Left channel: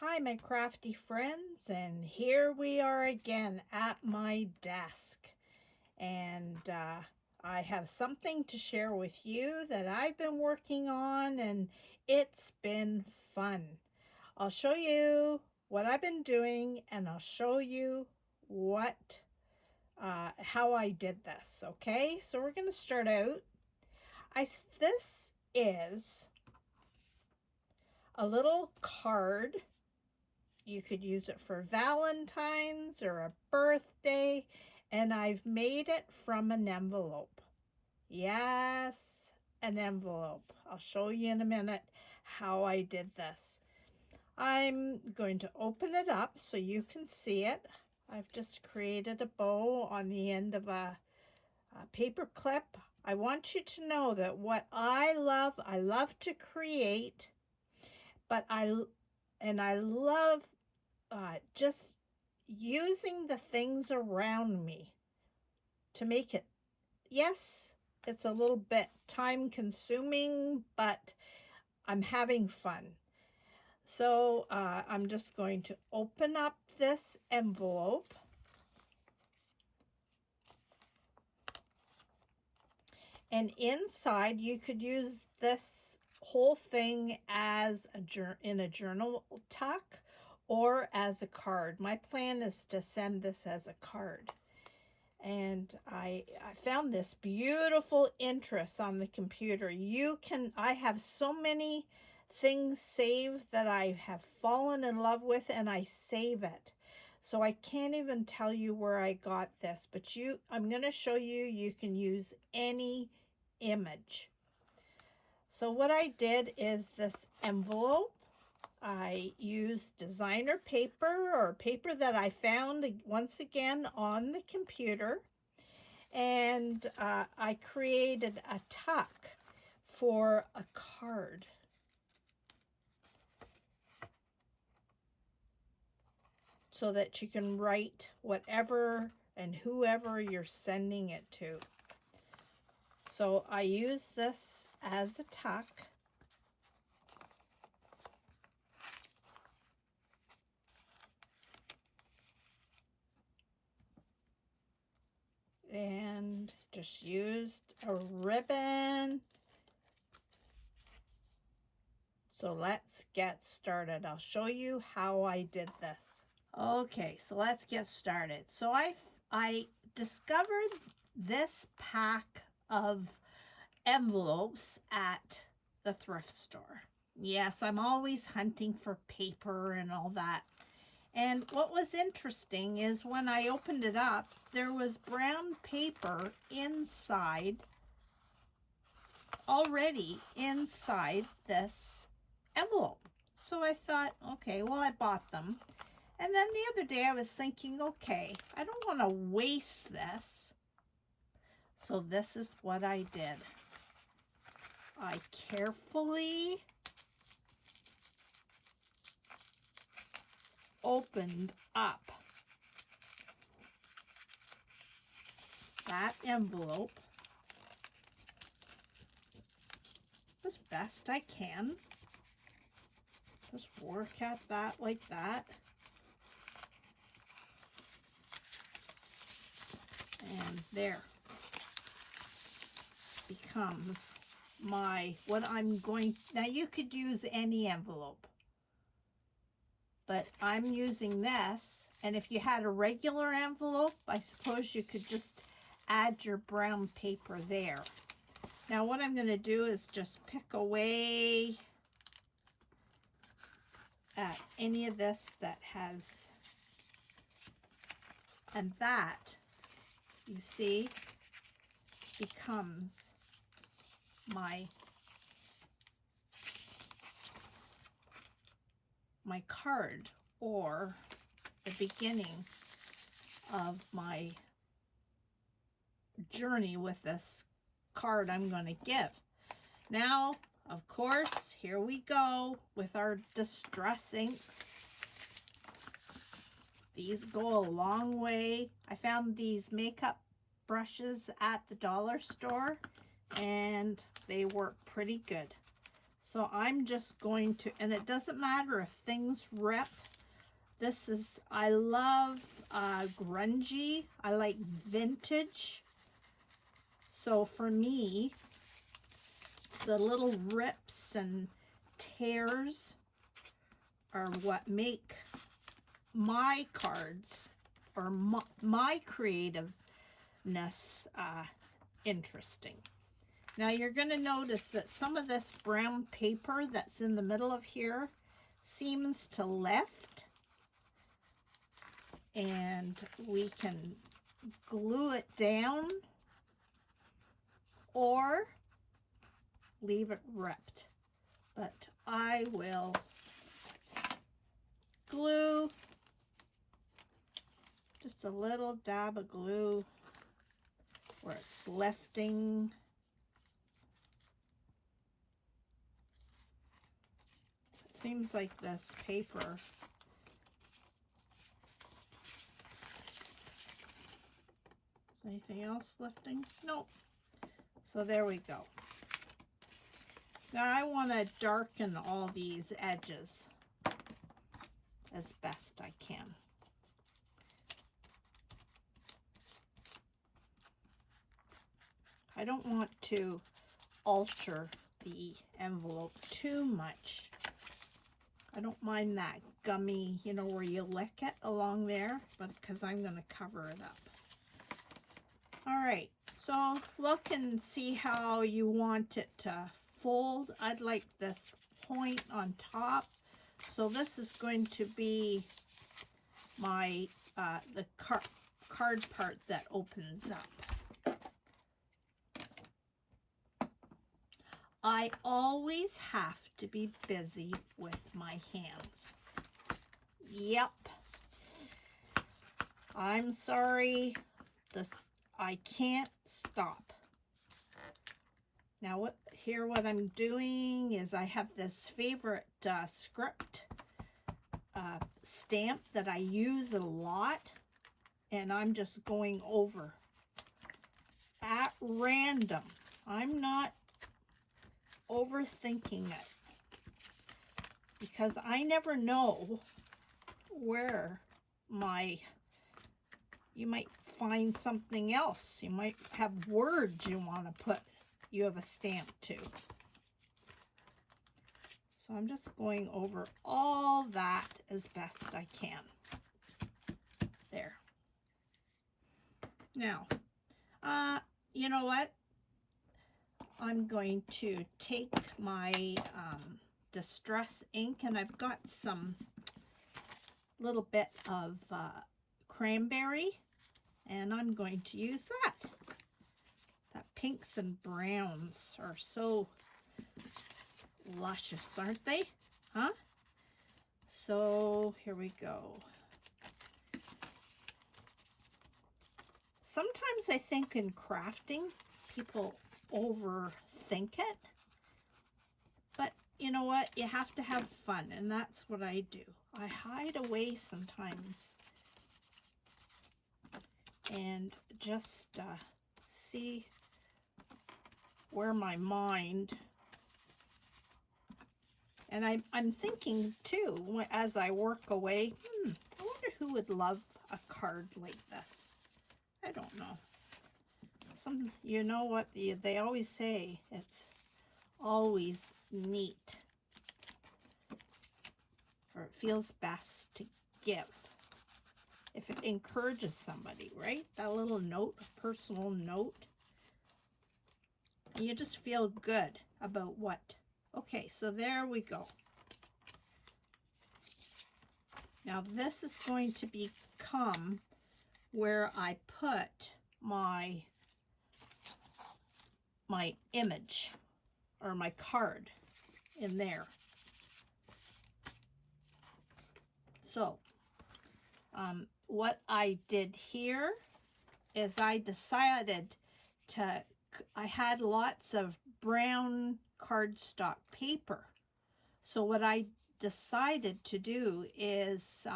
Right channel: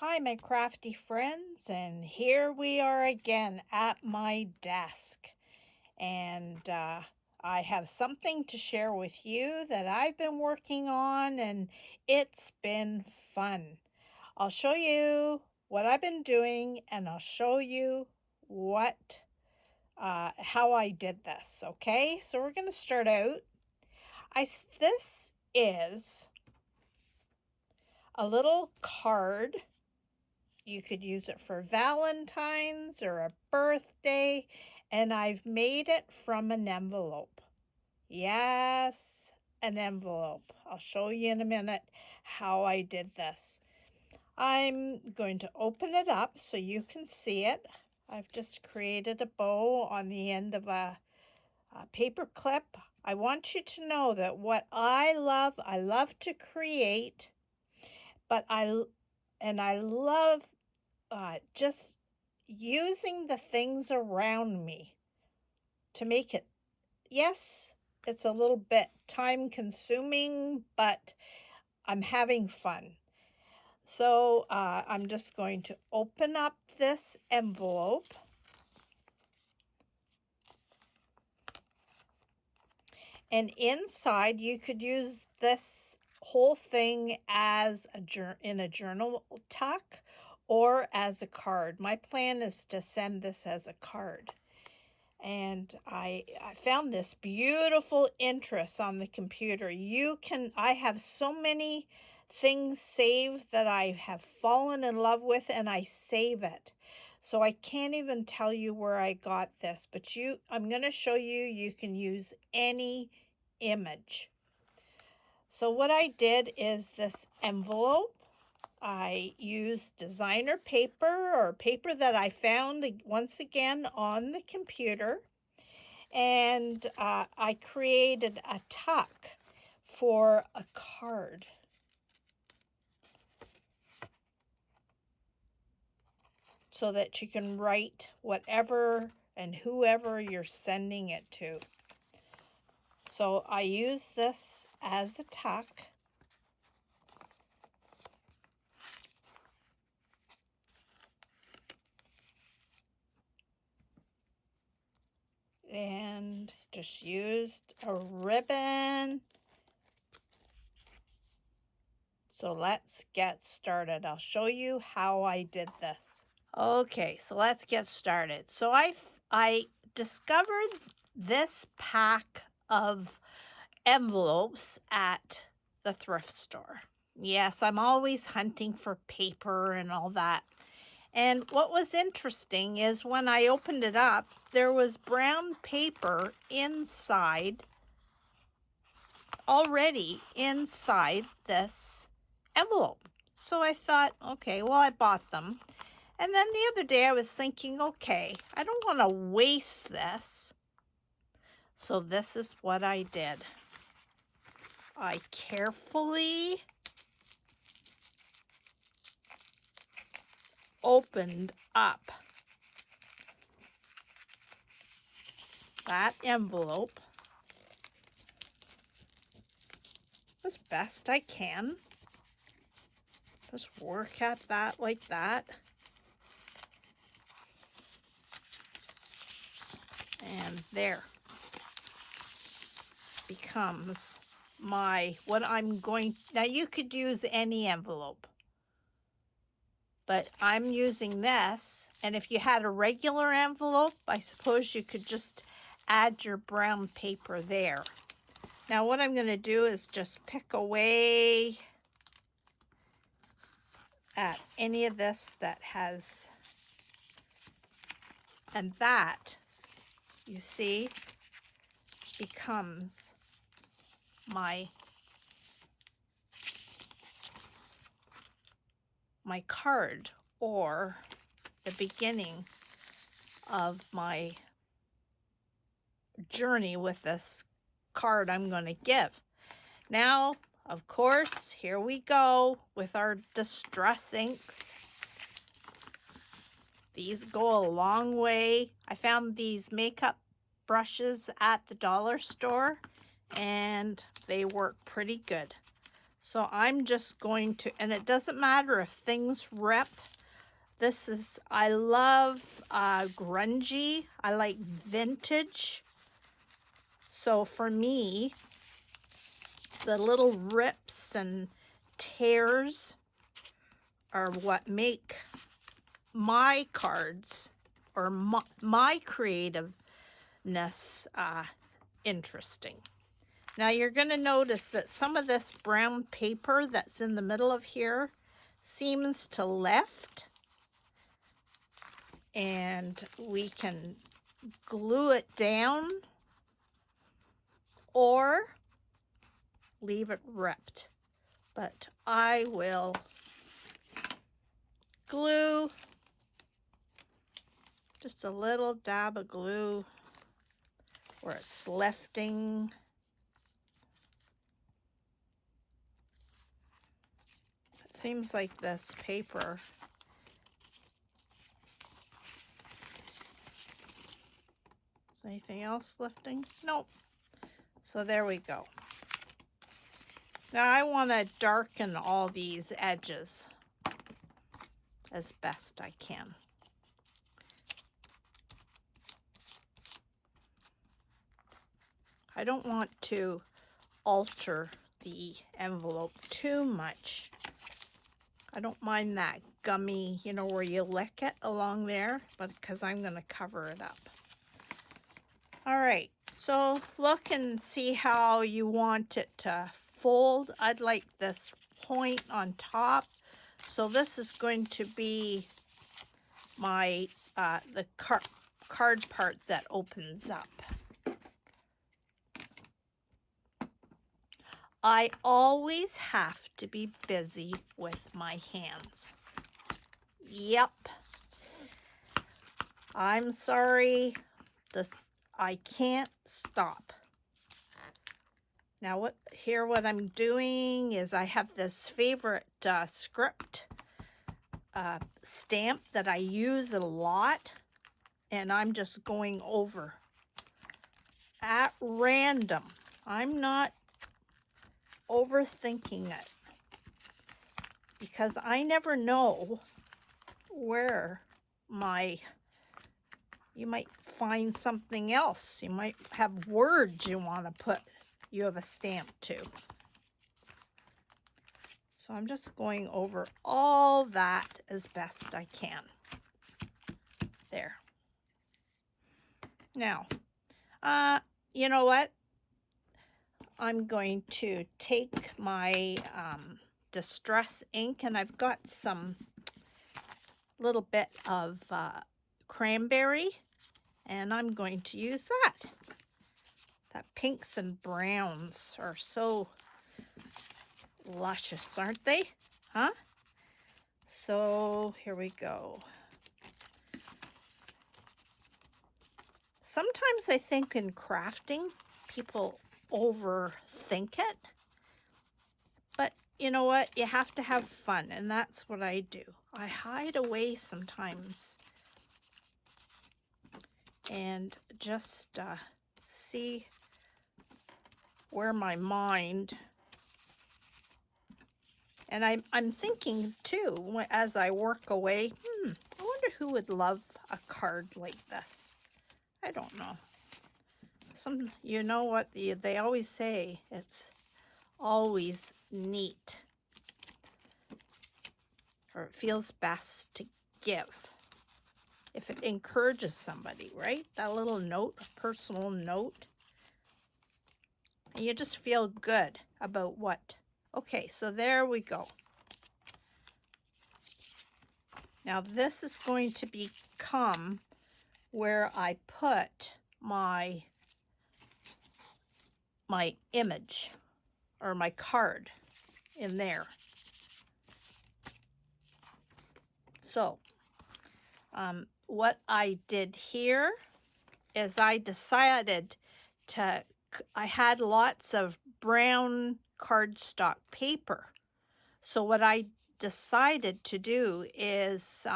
Hi, my crafty friends, and here we are again at my desk. And I have something to share with you that I've been working on, and it's been fun. I'll show you what I've been doing, and I'll show you how I did this. Okay, so we're going to start out. This is a little card. You could use it for Valentine's or a birthday, and I've made it from an envelope. Yes, an envelope. I'll show you in a minute how I did this. I'm going to open it up so you can see it. I've just created a bow on the end of a paper clip. I want you to know that what I love to create, but I love just using the things around me to make it. Yes, it's a little bit time consuming, but I'm having fun. So I'm just going to open up this envelope. And inside, you could use this whole thing as in a journal tuck or as a card. My plan is to send this as a card. And I found this beautiful interest on the computer. I have so many things saved that I have fallen in love with, and I save it. So I can't even tell you where I got this, but I'm going to show you can use any image. So what I did is this envelope. I used designer paper or paper that I found once again on the computer, and I created a tuck for a card. So that you can write whatever and whoever you're sending it to. So I use this as a tuck. And just used a ribbon. So let's get started. I'll show you how I did this. Okay, so let's get started. So I discovered this pack of envelopes at the thrift store. Yes, I'm always hunting for paper and all that. And what was interesting is when I opened it up, there was brown paper already inside this envelope. So I thought, okay, well, I bought them. And then the other day I was thinking, okay, I don't want to waste this. So this is what I did. I carefully opened up that envelope as best I can. Just work at that like that. And there becomes now you could use any envelope, but I'm using this. And if you had a regular envelope, I suppose you could just add your brown paper there. Now what I'm going to do is just pick away at any of this that has, and that, you see, becomes my card, or the beginning of my journey with this card I'm going to give. Now, of course, here we go with our distress inks. These go a long way. I found these makeup brushes at the dollar store, and they work pretty good. So I'm just going to, and it doesn't matter if things rip. This is, I love grungy. I like vintage. So for me, the little rips and tears are what make my cards or my creativeness interesting. Now you're going to notice that some of this brown paper that's in the middle of here seems to lift, and we can glue it down or leave it ripped. But I will glue, just a little dab of glue where it's lifting. It seems like this paper is anything else lifting? Nope. So there we go. Now I want to darken all these edges as best I can. I don't want to alter the envelope too much. I don't mind that gummy, you know, where you lick it along there, but because I'm going to cover it up. All right, so look and see how you want it to fold. I'd like this point on top. So this is going to be my, the card part that opens up. I always have to be busy with my hands. Yep. I'm sorry. I can't stop. Now what I'm doing is I have this favorite script stamp that I use a lot, and I'm just going over at random. I'm not overthinking it because I never know where you might find something else. You might have words you want to you have a stamp to. So I'm just going over all that as best I can. There. Now, you know what? I'm going to take my distress ink, and I've got some little bit of cranberry, and I'm going to use that. That pinks and browns are so luscious, aren't they? Huh? So here we go. Sometimes I think in crafting, people overthink it. But you know what? You have to have fun, and that's what I do. I hide away sometimes and just see where my mind, and I'm thinking too as I work away, I wonder who would love a card like this. I don't know. You know what they always say, it's always neat, or it feels best to give if it encourages somebody, right? That little note, a personal note. And you just feel good about what. Okay, so there we go. Now this is going to become where I put my image or my card in there. So what I did here is I decided I had lots of brown cardstock paper. So what I decided to do is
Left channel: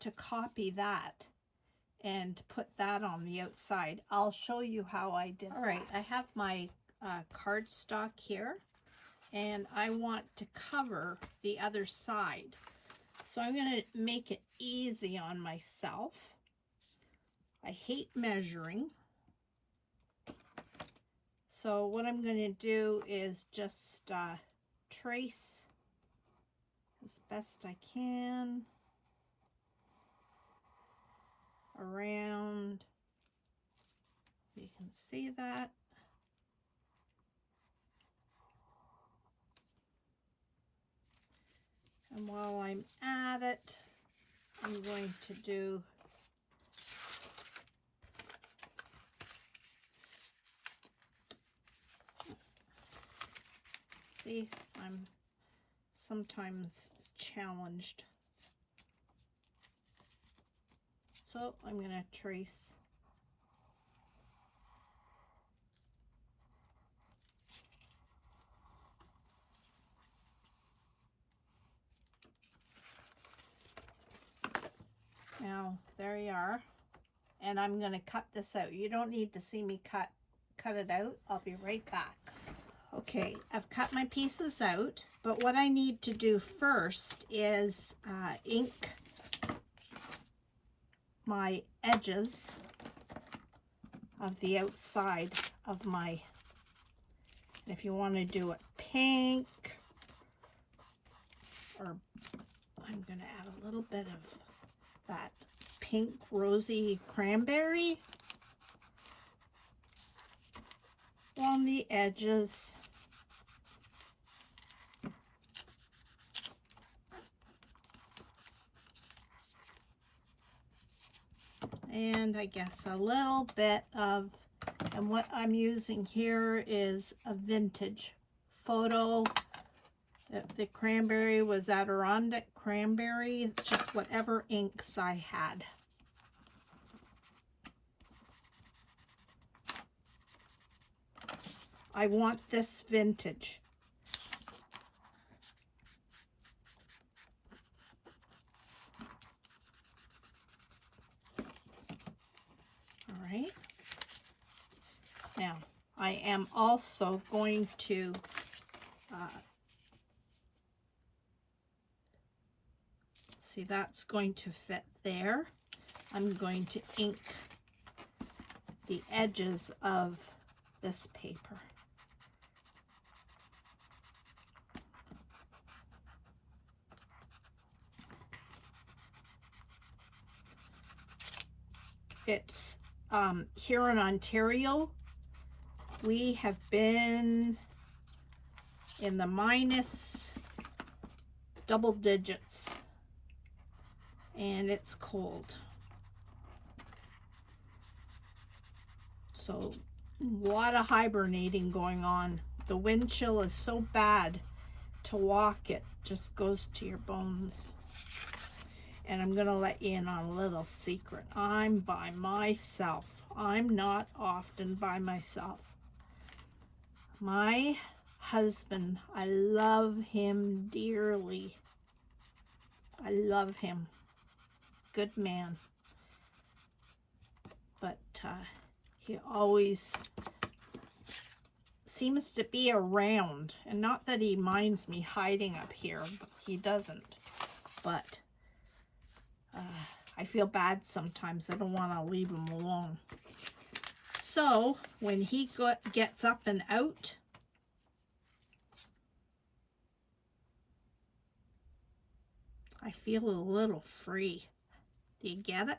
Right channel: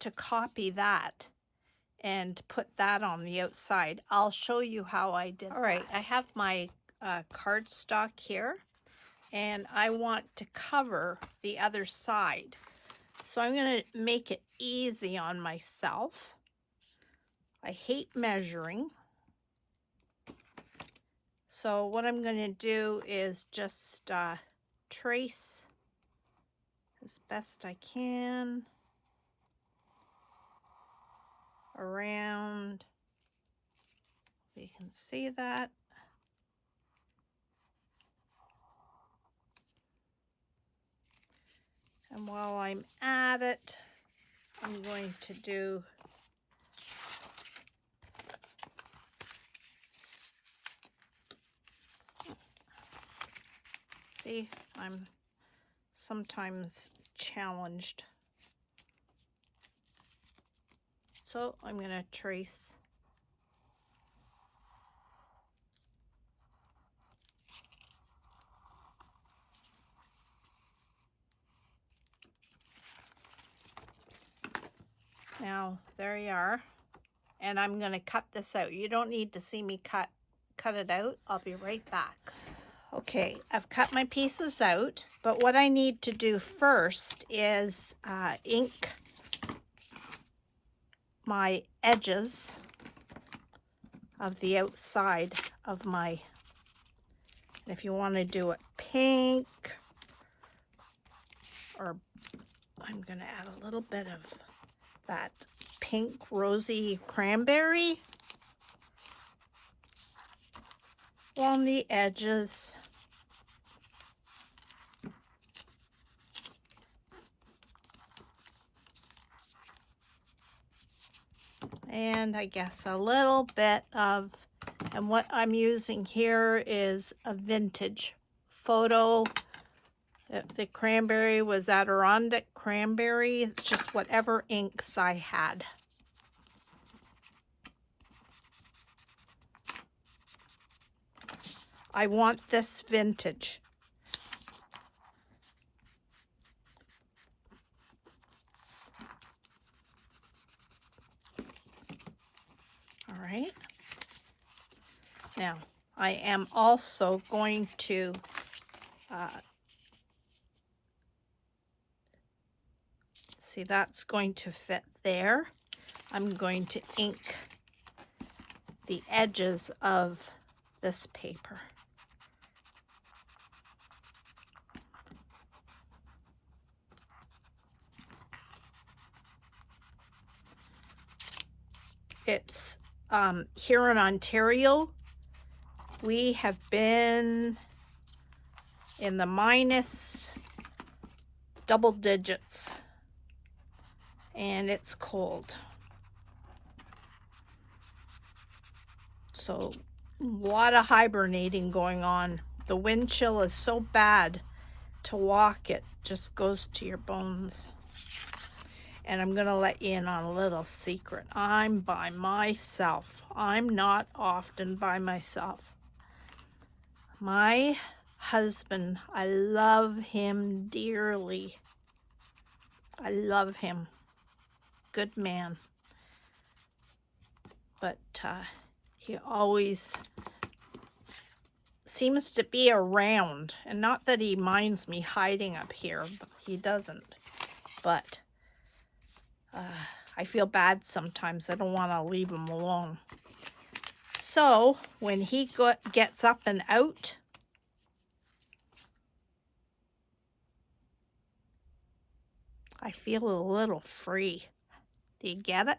to copy that and put that on the outside. I'll show you how I did. All right, I have my cardstock here, and I want to cover the other side. So I'm going to make it easy on myself. I hate measuring. So what I'm going to do is just trace as best I can around. You can see that. And while I'm at it, I'm going to do see, I'm sometimes challenged. So I'm going to trace now. There you are. And I'm going to cut this out. You don't need to see me cut it out. I'll be right back. Okay, I've cut my pieces out, but what I need to do first is ink my edges of the outside of my, if you want to do it pink, or I'm going to add a little bit of that pink rosy cranberry on the edges. And I guess a little bit of, and what I'm using here is a vintage photo. The cranberry was Adirondack cranberry. It's just whatever inks I had. I want this vintage. All right. Now, I am also going to see, that's going to fit there. I'm going to ink the edges of this paper. It's here in Ontario, we have been in the minus double digits, and it's cold. So a lot of hibernating going on. The wind chill is so bad to walk, it just goes to your bones. And I'm gonna let you in on a little secret. I'm by myself. I'm not often by myself. My husband, I love him dearly. I love him. Good man. But he always seems to be around. And not that he minds me hiding up here. He doesn't. But I feel bad sometimes. I don't want to leave him alone. So when he gets up and out, I feel a little free. Do you get it?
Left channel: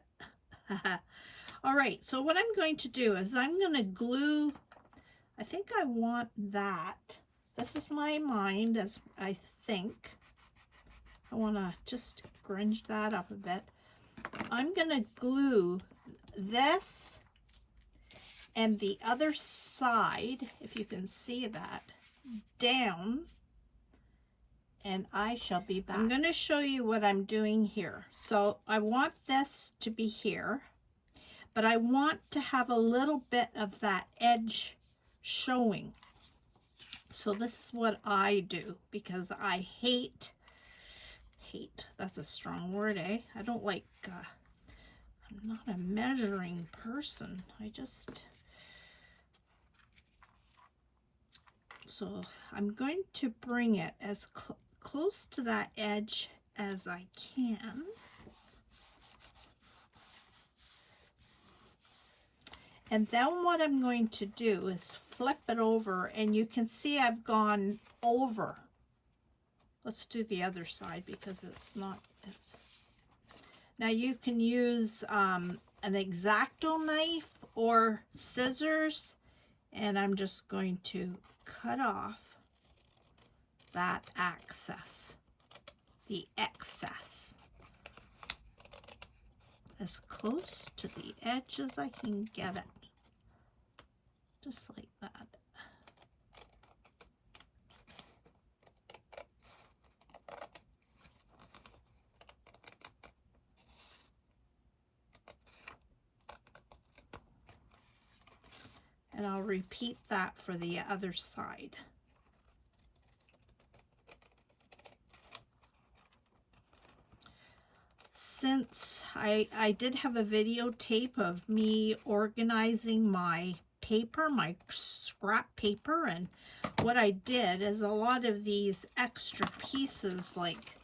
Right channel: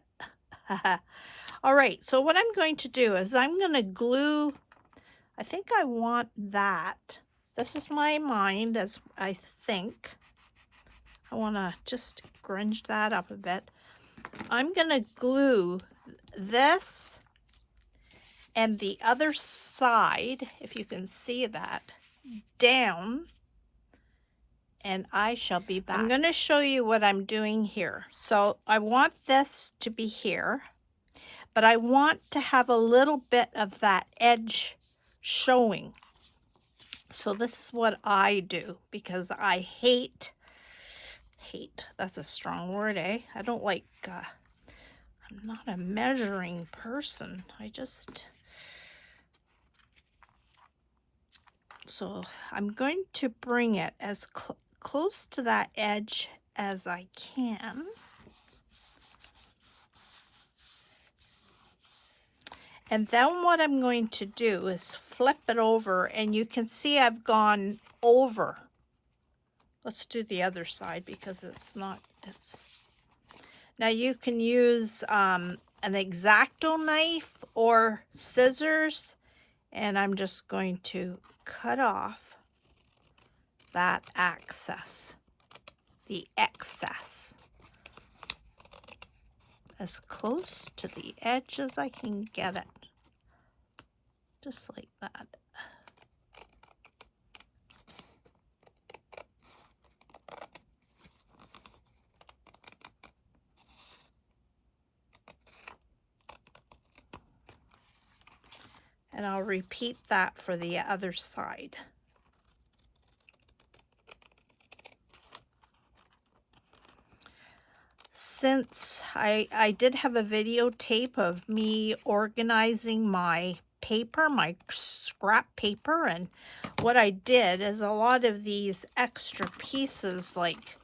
All right, so what I'm going to do is I'm going to glue, I think I want that. This is my mind, as I think. I want to just grunge that up a bit. I'm going to glue this and the other side, if you can see that, down, and I shall be back. I'm going to show you what I'm doing here. So I want this to be here, but I want to have a little bit of that edge showing. So this is what I do, because I hate, that's a strong word, eh? I don't like, I'm not a measuring person. So I'm going to bring it as close to that edge as I can. And then what I'm going to do is flip it over, and you can see I've gone over. Let's do the other side because it's not, now you can use an X-Acto knife or scissors, and I'm just going to cut off that the excess, as close to the edge as I can get it. Just like that. And I'll repeat that for the other side. Since I did have a videotape of me organizing my paper, my scrap paper, and what I did is a lot of these extra pieces like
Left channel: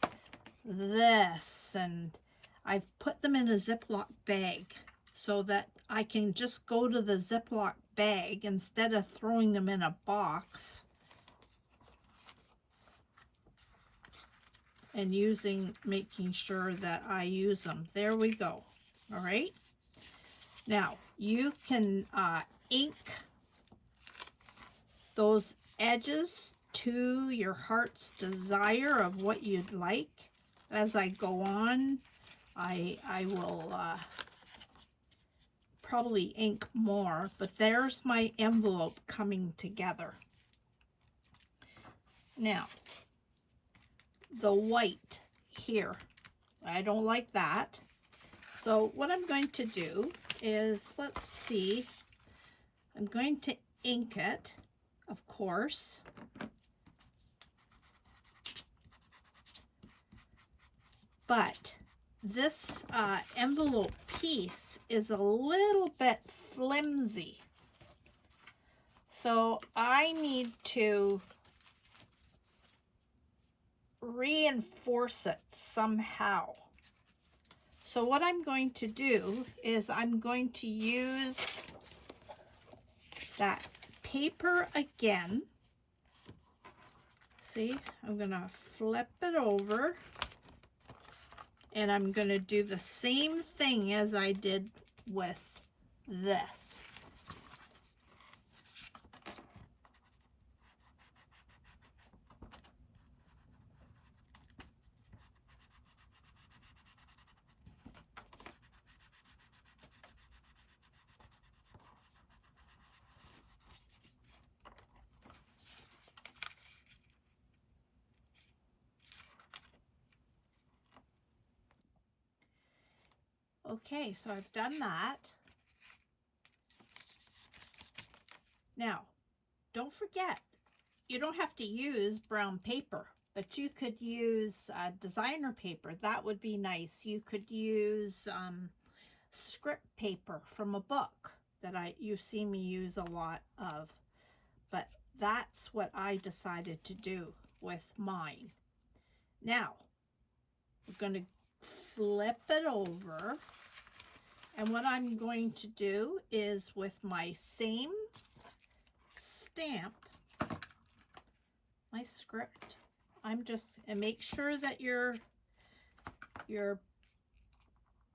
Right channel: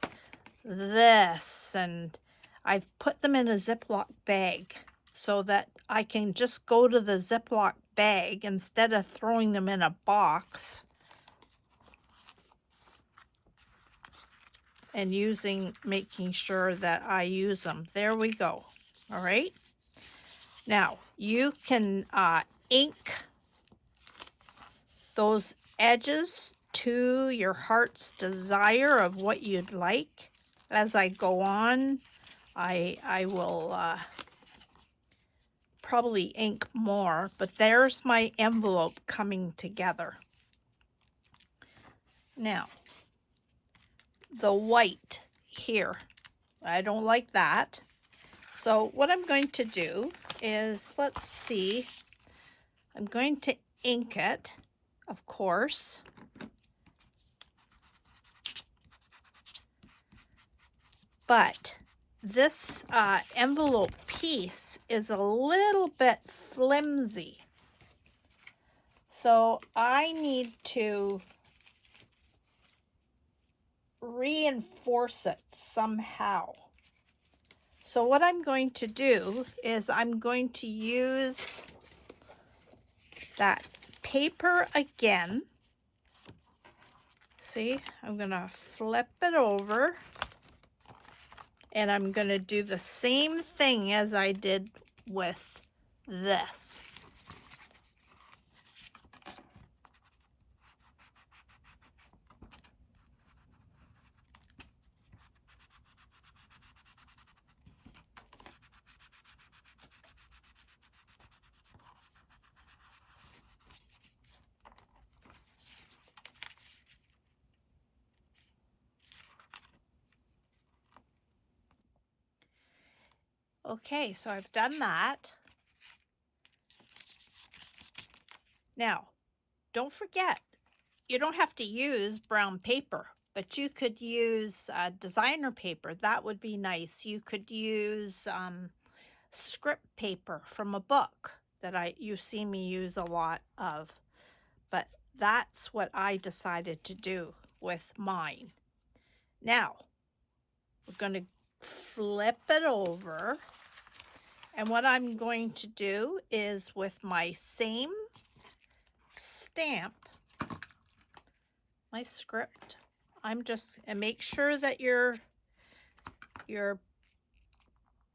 this, and I've put them in a Ziploc bag so that I can just go to the Ziploc bag instead of throwing them in a box and making sure that I use them. There we go. All right. Now you can ink those edges to your heart's desire of what you'd like. As I go on, I will probably ink more, but there's my envelope coming together. Now, the white here, I don't like that. So what I'm going to do is, let's see, I'm going to ink it, of course. But this envelope piece is a little bit flimsy. So I need to reinforce it somehow. So what I'm going to do is I'm going to use that paper again. See, I'm gonna flip it over, and I'm gonna do the same thing as I did with this. Okay, so I've done that. Now, don't forget, you don't have to use brown paper, but you could use designer paper. That would be nice. You could use script paper from a book that you see me use a lot of. But that's what I decided to do with mine. Now, we're going to flip it over. And what I'm going to do is, with my same stamp, my script, and make sure that your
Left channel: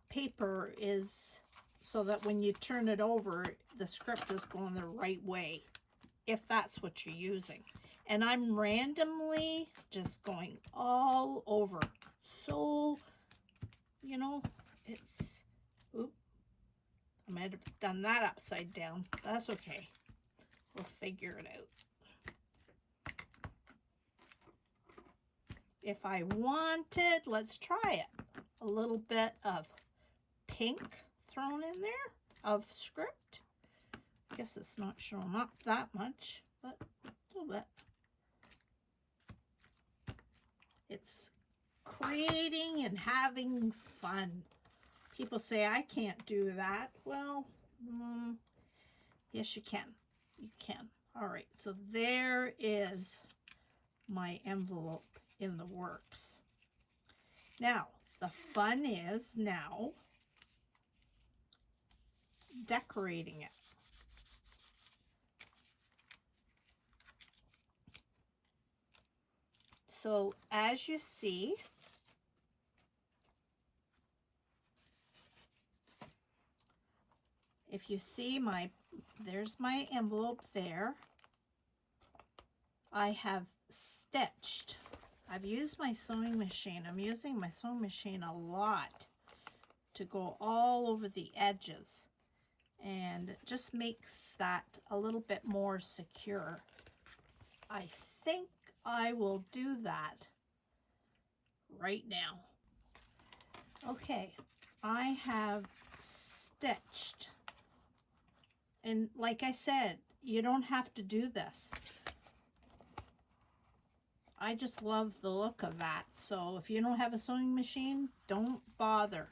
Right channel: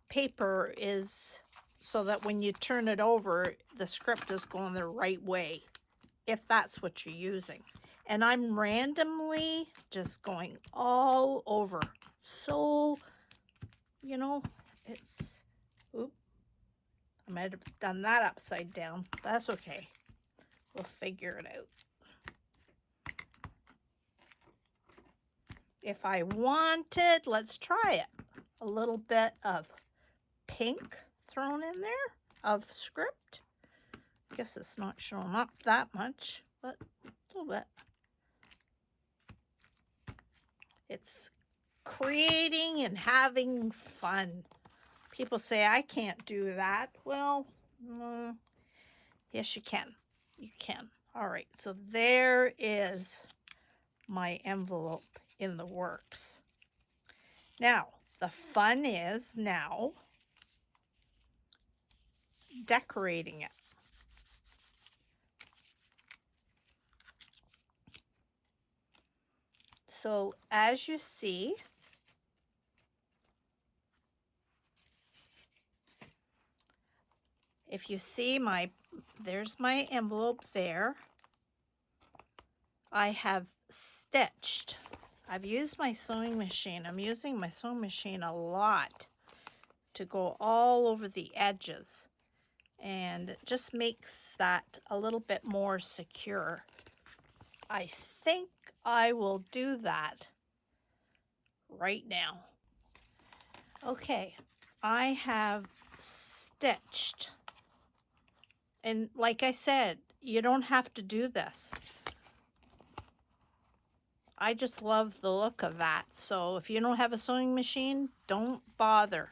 paper is so that when you turn it over, the script is going the right way, if that's what you're using. And I'm randomly just going all over. So, you know, it's, oop, I might have done that upside down. That's okay. We'll figure it out. If I wanted, let's try it, a little bit of pink thrown in there of script. I guess it's not showing up that much, but a little bit. It's creating and having fun. People say I can't do that. Well, yes, you can. You can. All right, so there is my envelope in the works. Now, the fun is now decorating it. So as you see, if you see there's my envelope there. I have stitched. I've used my sewing machine. I'm using my sewing machine a lot to go all over the edges. And it just makes that a little bit more secure. I think I will do that right now. Okay, I have stitched. And like I said, you don't have to do this. I just love the look of that. So if you don't have a sewing machine, don't bother.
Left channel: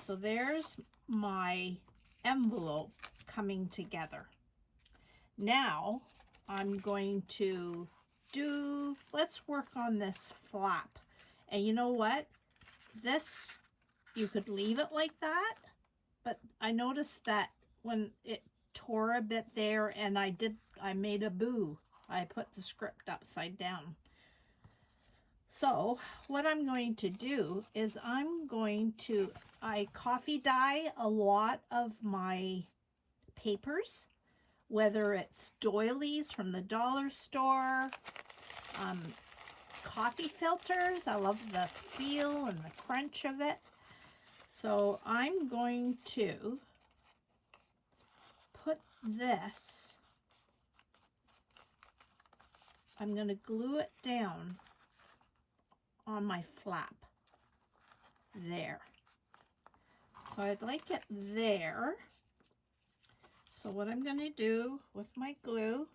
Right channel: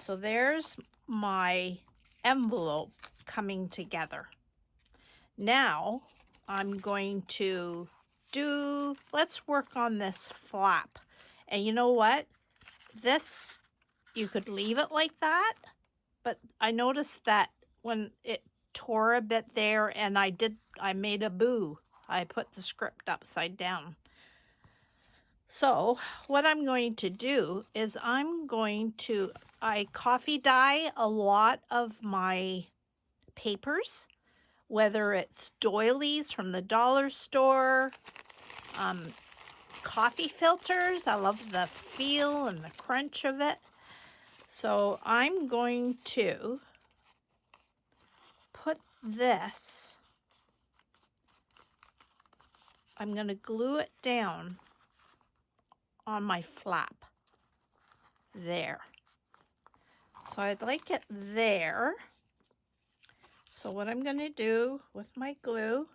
So there's my envelope coming together. Now I'm going to let's work on this flap. And you know what? This, you could leave it like that, but I noticed that when it tore a bit there and I made a boo. I put the script upside down. So what I'm going to do is I coffee dye a lot of my papers, whether it's doilies from the dollar store, coffee filters. I love the feel and the crunch of it. So I'm going to put this, I'm going to glue it down on my flap there. So I'd like it there. So what I'm going to do with my glue,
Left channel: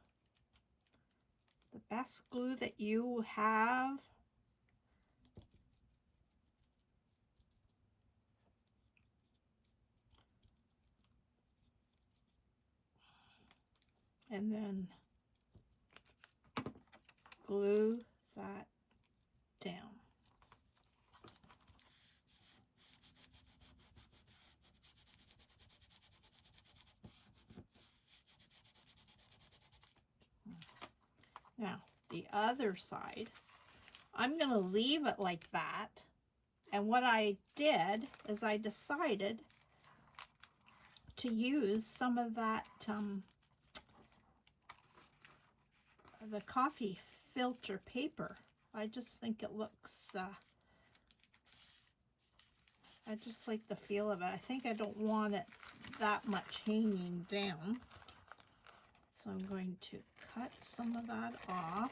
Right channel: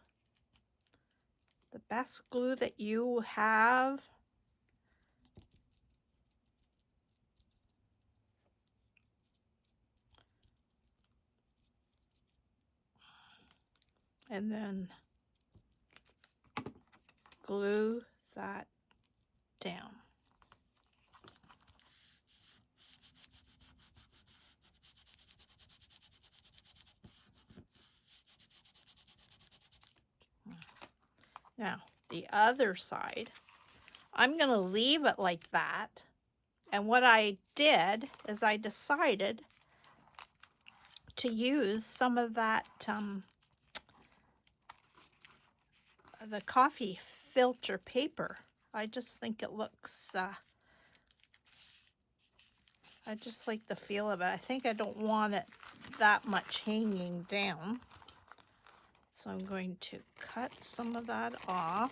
the best glue that you have, and then glue that down. Now, the other side, I'm going to leave it like that. And what I did is I decided to use some of that, the coffee filter paper. I just think it looks, I just like the feel of it. I think I don't want it that much hanging down. So I'm going to cut some of that off.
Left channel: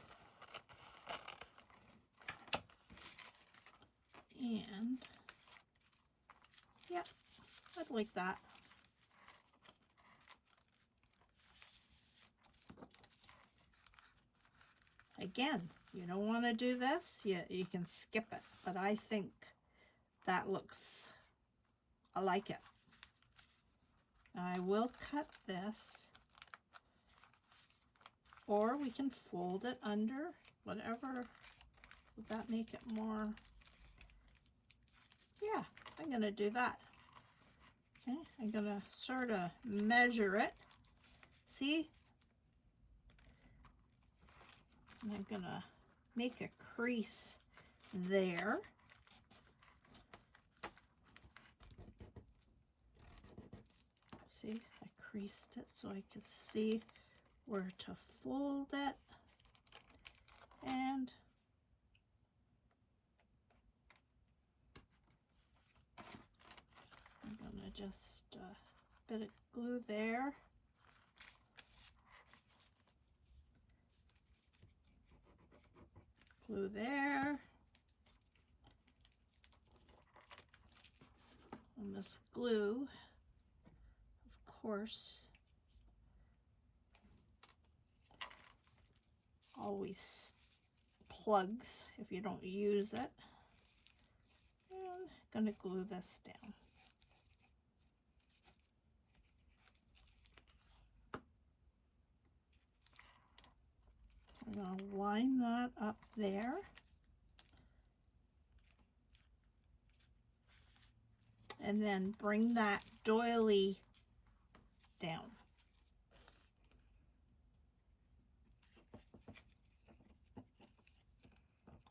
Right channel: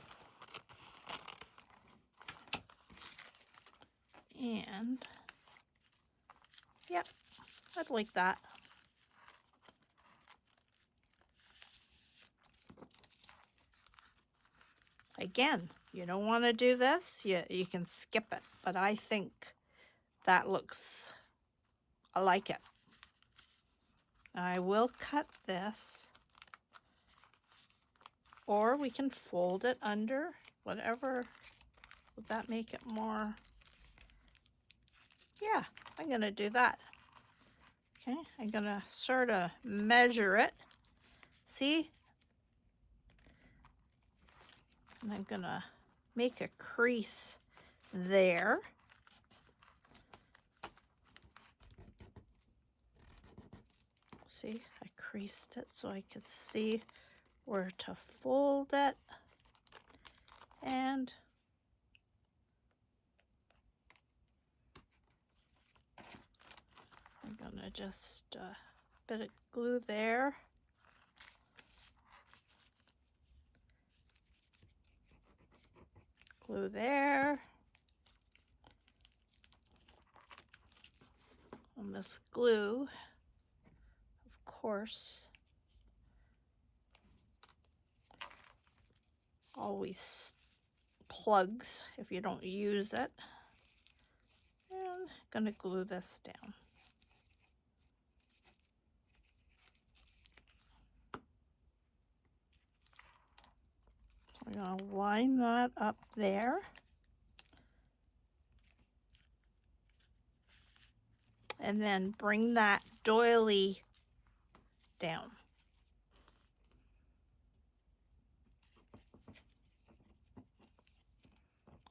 And, yep, I'd like that. Again, you don't want to do this, you can skip it. But I think that looks, I like it. I will cut this, or we can fold it under, whatever. Would that make it more? Yeah, I'm going to do that. Okay, I'm going to sort of measure it. See? And I'm going to make a crease there. See, I creased it so I could see where to fold it. And I'm gonna just bit of glue there. Glue there. And this glue, of course, always plugs if you don't use it. And I'm gonna glue this down. line that up there. And then bring that doily down.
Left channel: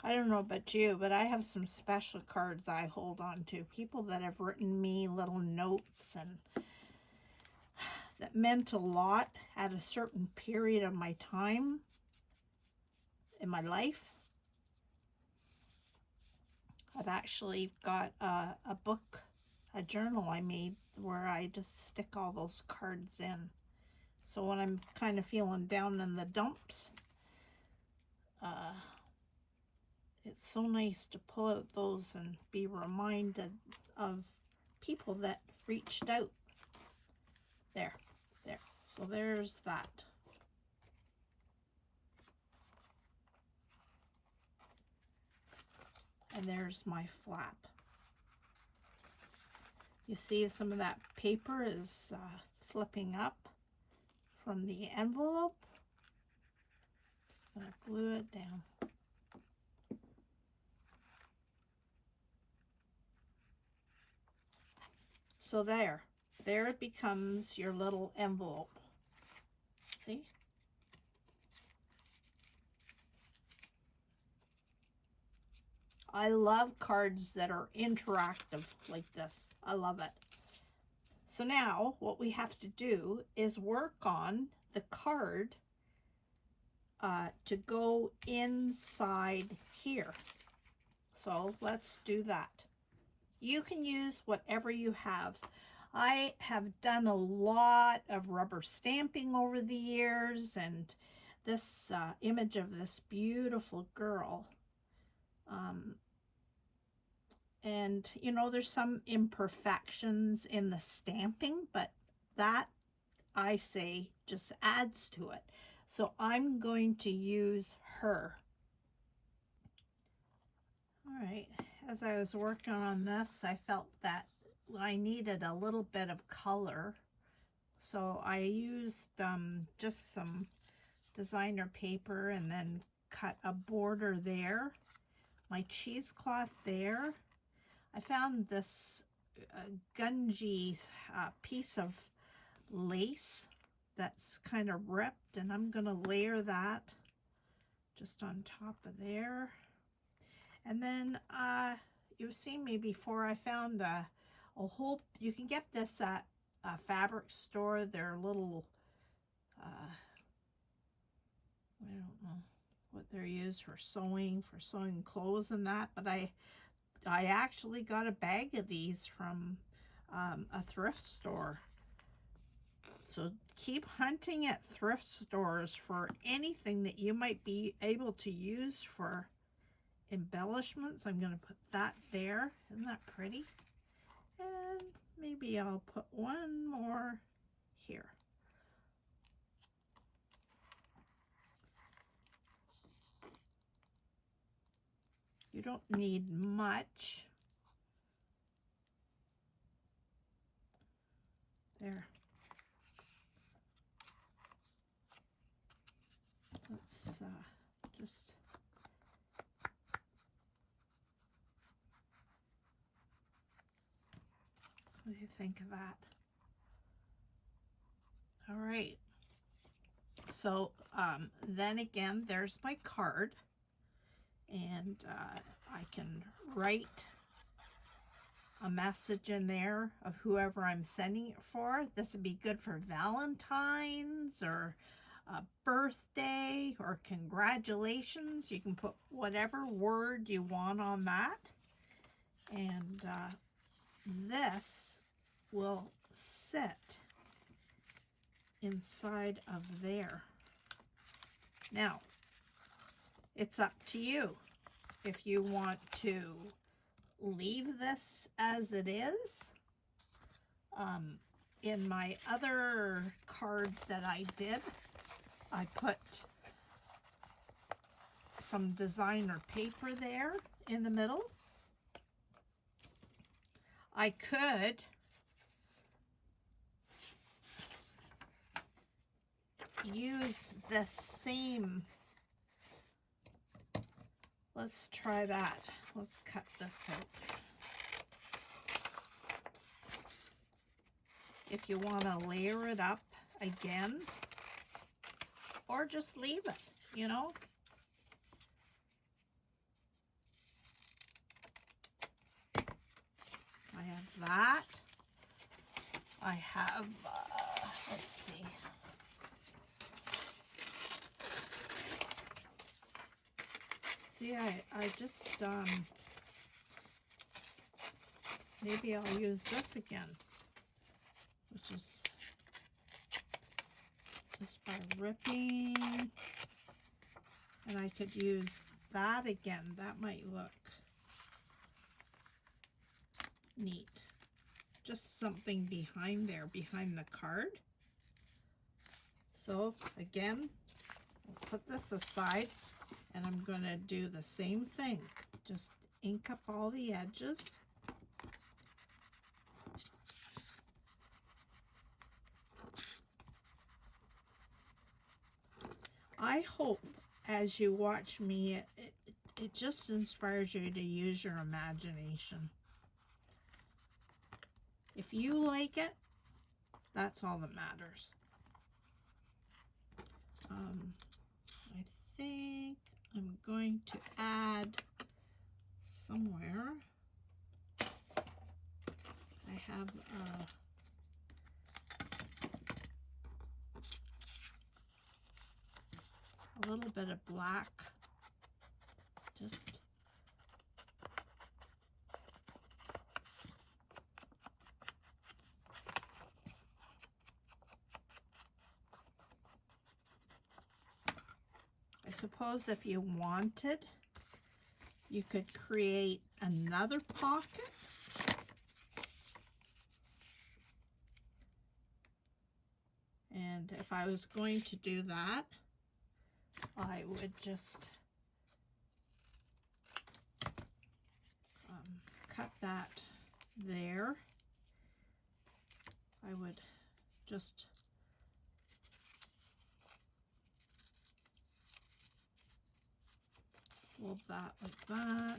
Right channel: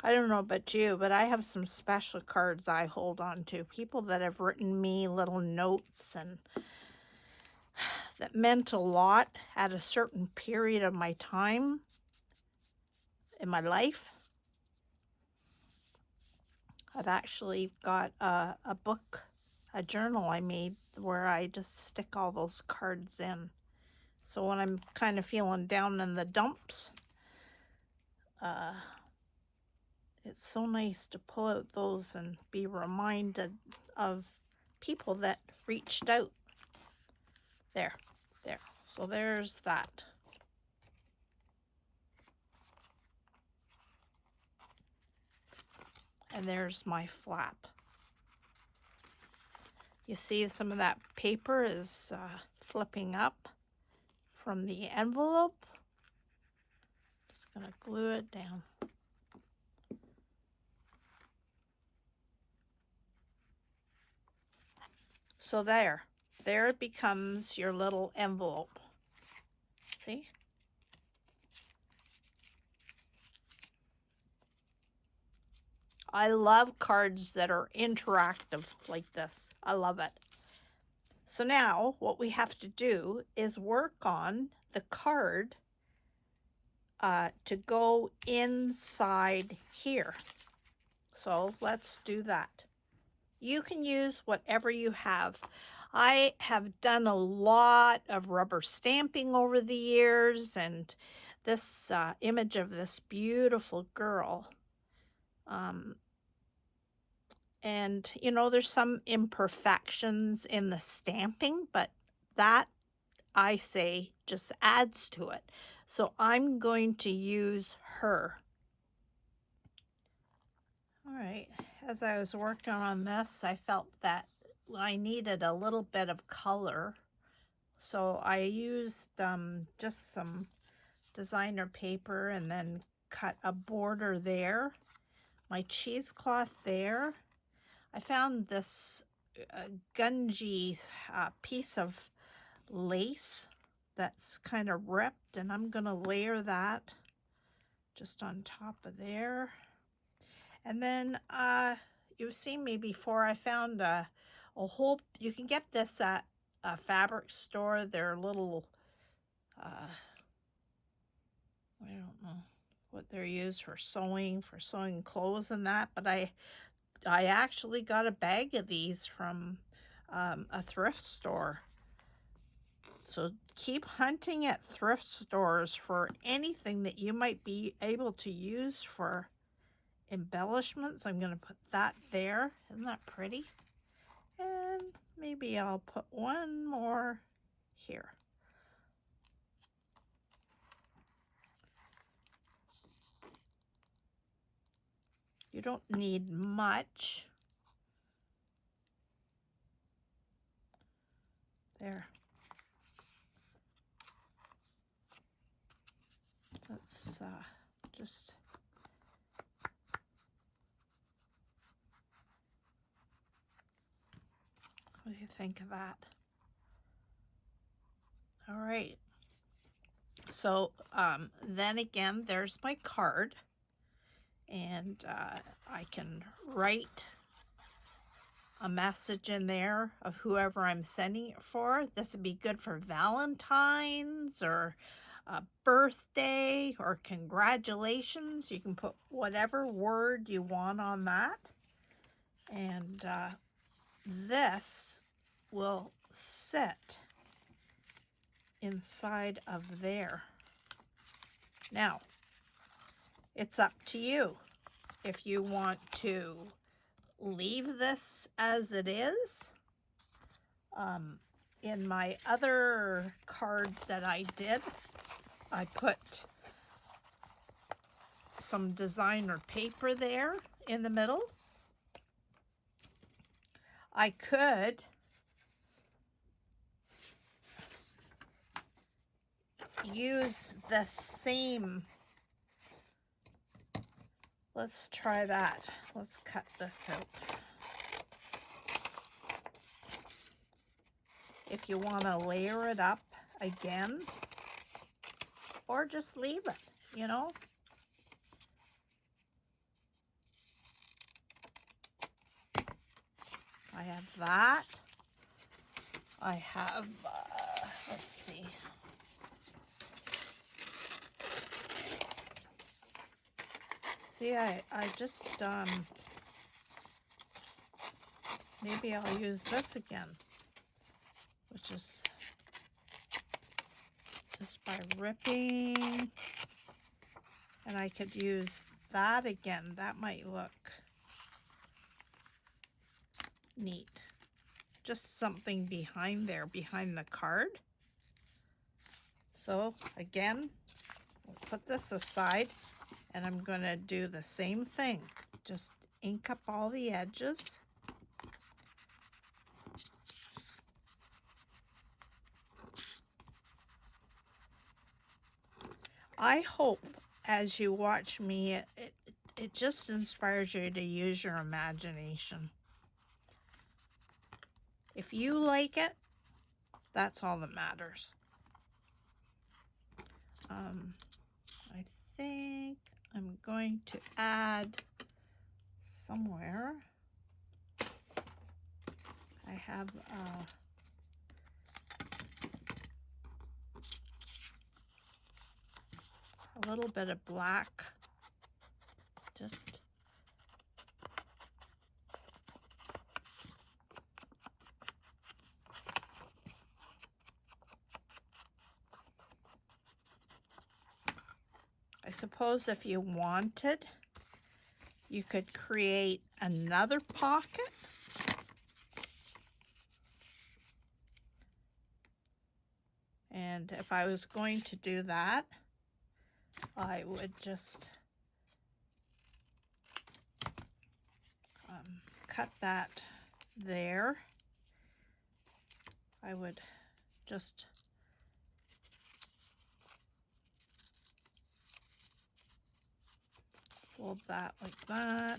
I don't know about you, but I have some special cards I hold on to. People that have written me little notes and that meant a lot at a certain period of my time in my life. I've actually got a book, a journal I made where I just stick all those cards in. So when I'm kind of feeling down in the dumps, it's so nice to pull out those and be reminded of people that reached out. There. So there's that. And there's my flap. You see some of that paper is flipping up from the envelope. Just gonna glue it down. So there it becomes your little envelope. See? I love cards that are interactive like this. I love it. So now what we have to do is work on the card to go inside here. So let's do that. You can use whatever you have. I have done a lot of rubber stamping over the years, and this image of this beautiful girl. And you know, there's some imperfections in the stamping, but that, I say, just adds to it. So I'm going to use her. All right, as I was working on this, I felt that I needed a little bit of color. So I used just some designer paper and then cut a border there. My cheesecloth there. I found this gungy piece of lace that's kind of ripped, and I'm gonna layer that just on top of there. And then you've seen me before, I found a whole, you can get this at a fabric store. They're little, I don't know what they're used for sewing clothes and that, but I actually got a bag of these from a thrift store. So keep hunting at thrift stores for anything that you might be able to use for embellishments. I'm going to put that there. Isn't that pretty? And maybe I'll put one more here. You don't need much. There. Let's just what do you think of that? All right. So then again, there's my card, and I can write a message in there of whoever I'm sending it for. This would be good for Valentine's or a birthday or congratulations. You can put whatever word you want on that. And this will sit inside of there. Now, it's up to you if you want to leave this as it is. In my other card that I did, I put some designer paper there in the middle. I could use the same Let's try that. Let's cut this out. If you want to layer it up again, or just leave it, you know. I have that. I have, let's see. See, I just, maybe I'll use this again, which is just by ripping, and I could use that again. That might look neat. Just something behind there, behind the card. So again, I'll put this aside, and I'm going to do the same thing. Just ink up all the edges. I hope as you watch me, it just inspires you to use your imagination. If you like it, that's all that matters. I think I'm going to add somewhere. I have a little bit of black. Just I suppose if you wanted, you could create another pocket. And if I was going to do that, I would just cut that there. I would just fold that like that.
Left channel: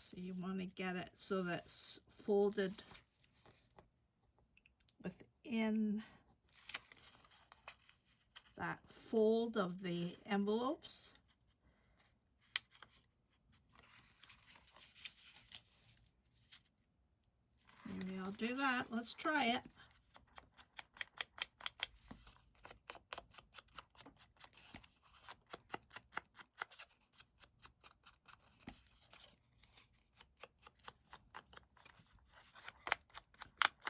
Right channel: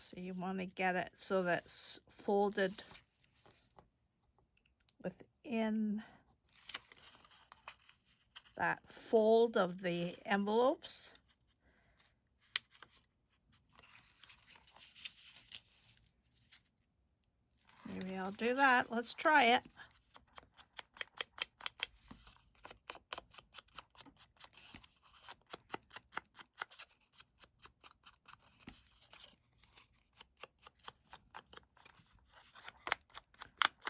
So you want to get it so that's folded within that fold of the envelopes. Maybe I'll do that. Let's try it.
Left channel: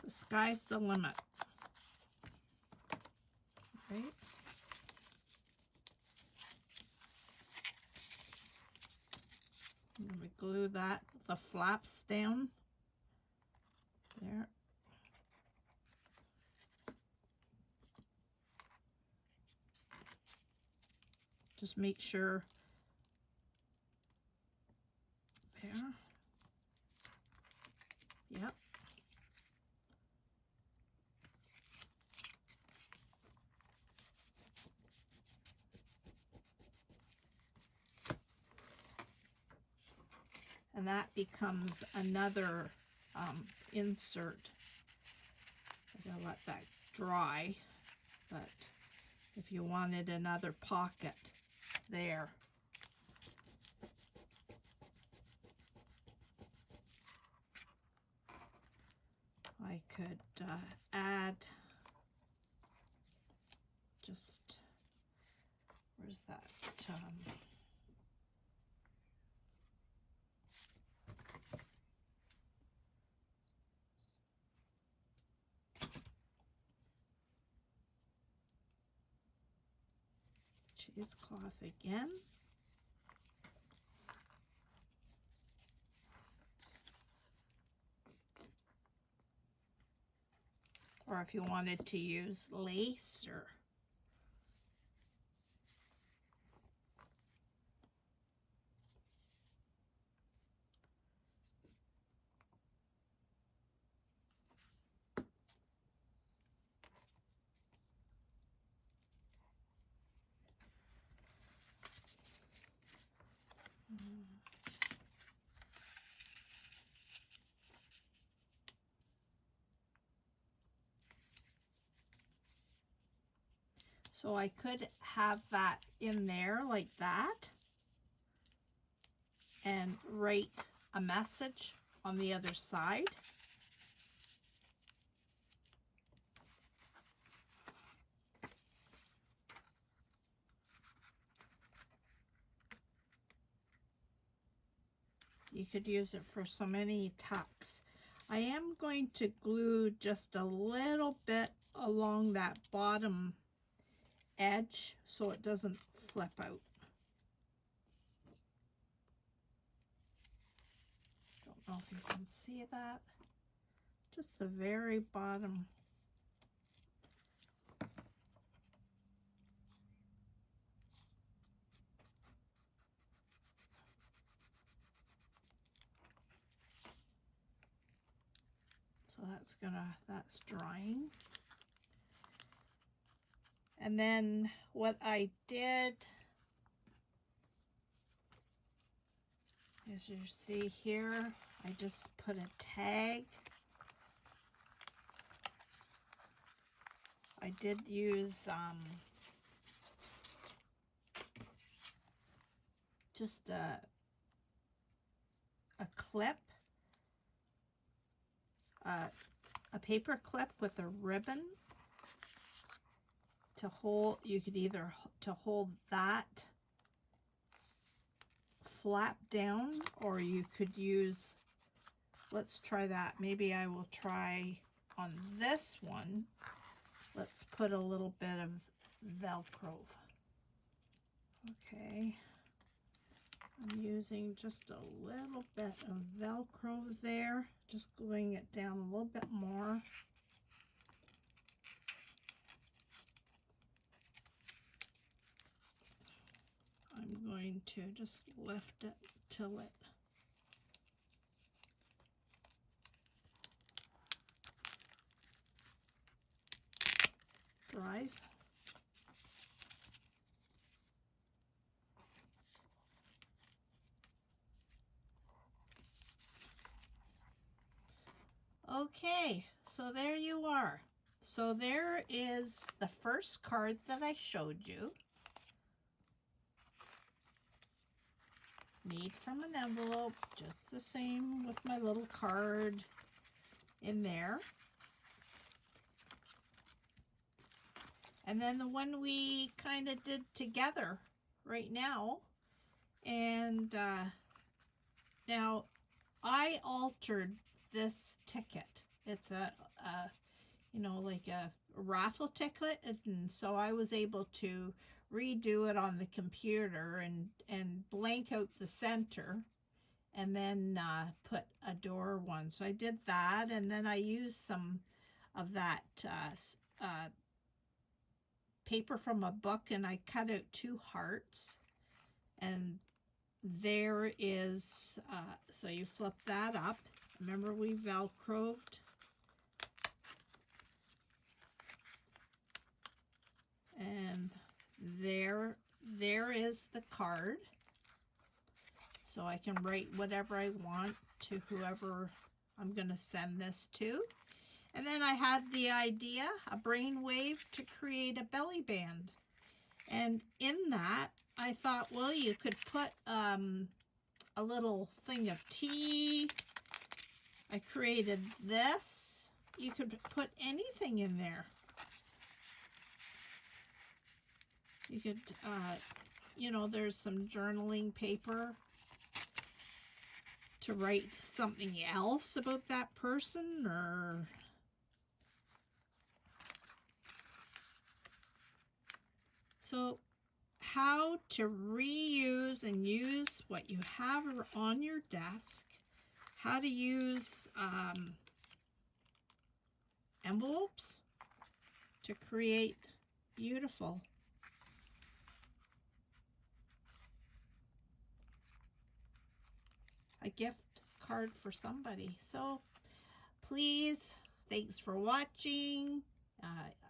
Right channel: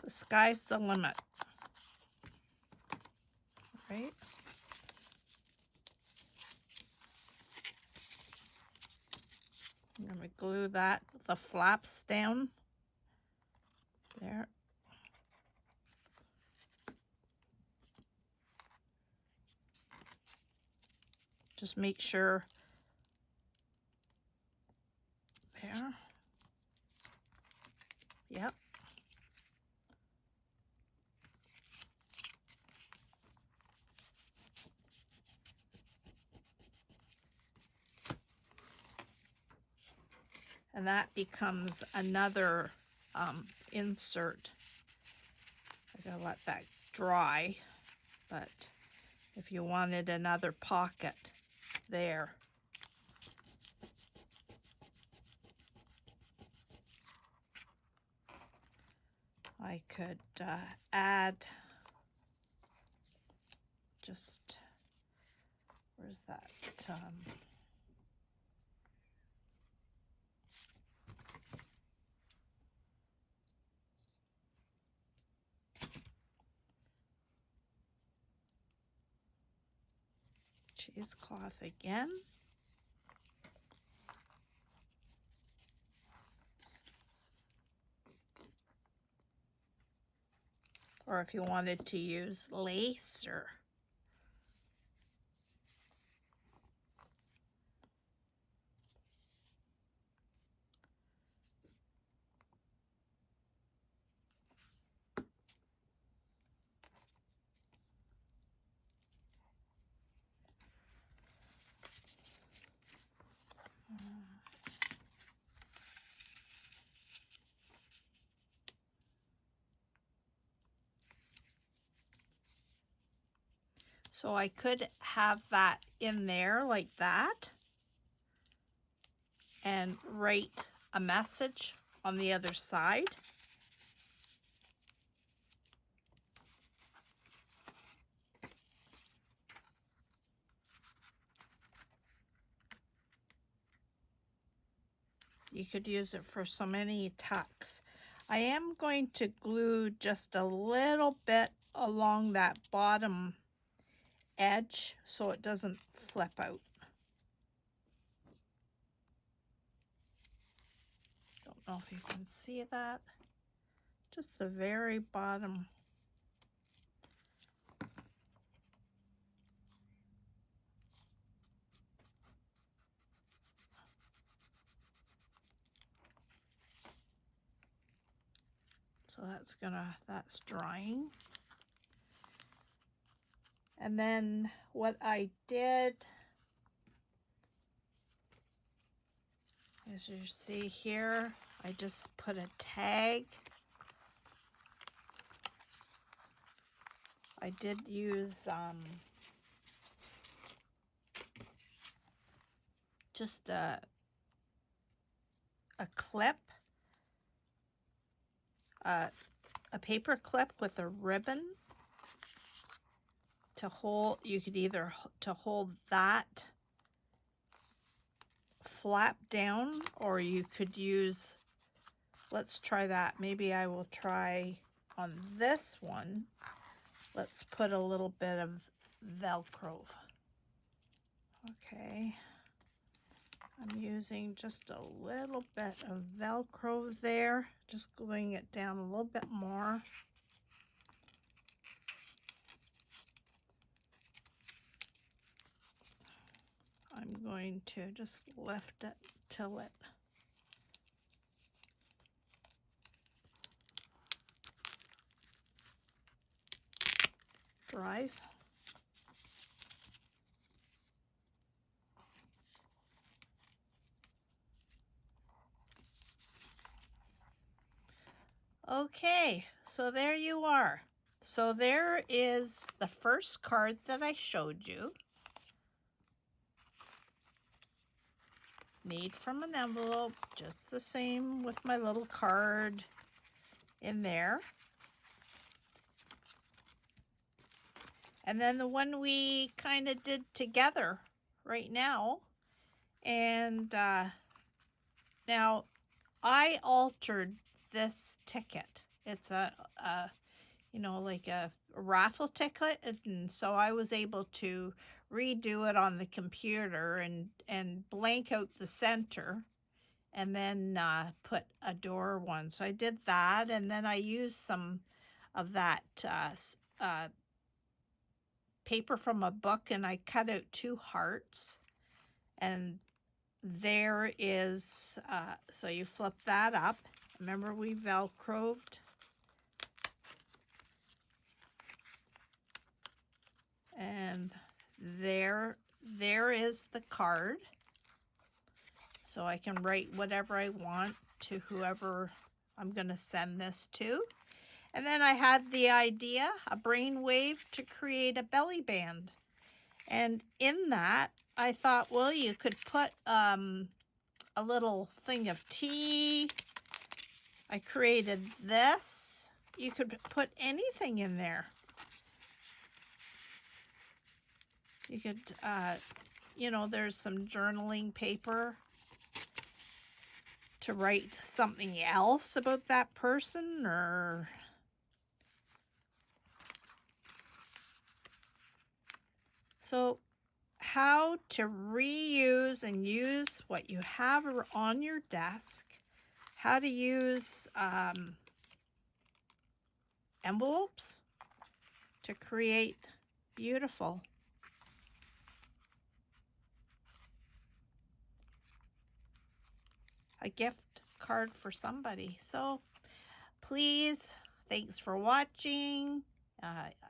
The sky's the limit. Right? I'm going to glue that, the flaps down there. Just make sure there. Yep. And that becomes another insert. I gotta let that dry, but if you wanted another pocket there. I could add just, where's that? Cheesecloth again. Or if you wanted to use lace or So I could have that in there like that and write a message on the other side. You could use it for so many tucks. I am going to glue just a little bit along that bottom edge so it doesn't flip out. Don't know if you can see that. Just the very bottom. So that's drying. And then what I did, as you see here, I just put a tag. I did use just a clip, a paper clip with a ribbon to hold. You could either to hold that flap down, or you could use, let's try that. Maybe I will try on this one. Let's put a little bit of Velcro. Okay. I'm using just a little bit of Velcro there, just gluing it down a little bit more. I'm going to just lift it till it dries. Okay, so there you are. So there is the first card that I showed you. Made from an envelope, just the same with my little card in there. And then the one we kind of did together right now. And now I altered this ticket. It's a you know, like a raffle ticket, and so I was able to redo it on the computer and blank out the center and then put a door one. So I did that, and then I used some of that paper from a book, and I cut out 2 hearts, and there is so you flip that up. Remember, we Velcroed. And there is the card. So I can write whatever I want to whoever I'm going to send this to. And then I had the idea, a brainwave, to create a belly band. And in that, I thought, well, you could put a little thing of tea. I created this. You could put anything in there. You could, you know, there's some journaling paper to write something else about that person, or so how to reuse and use what you have on your desk, how to use envelopes to create beautiful a gift card for somebody. So please, thanks for watching.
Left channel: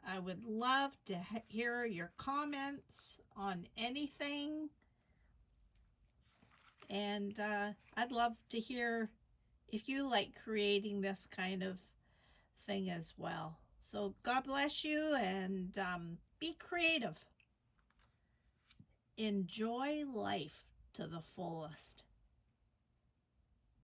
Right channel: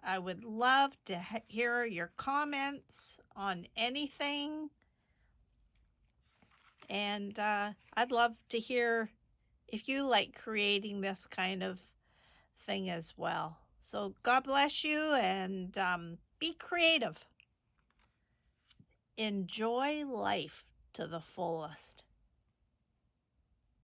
I would love to hear your comments on anything. And I'd love to hear if you like creating this kind of thing as well. So God bless you, and be creative. Enjoy life to the fullest.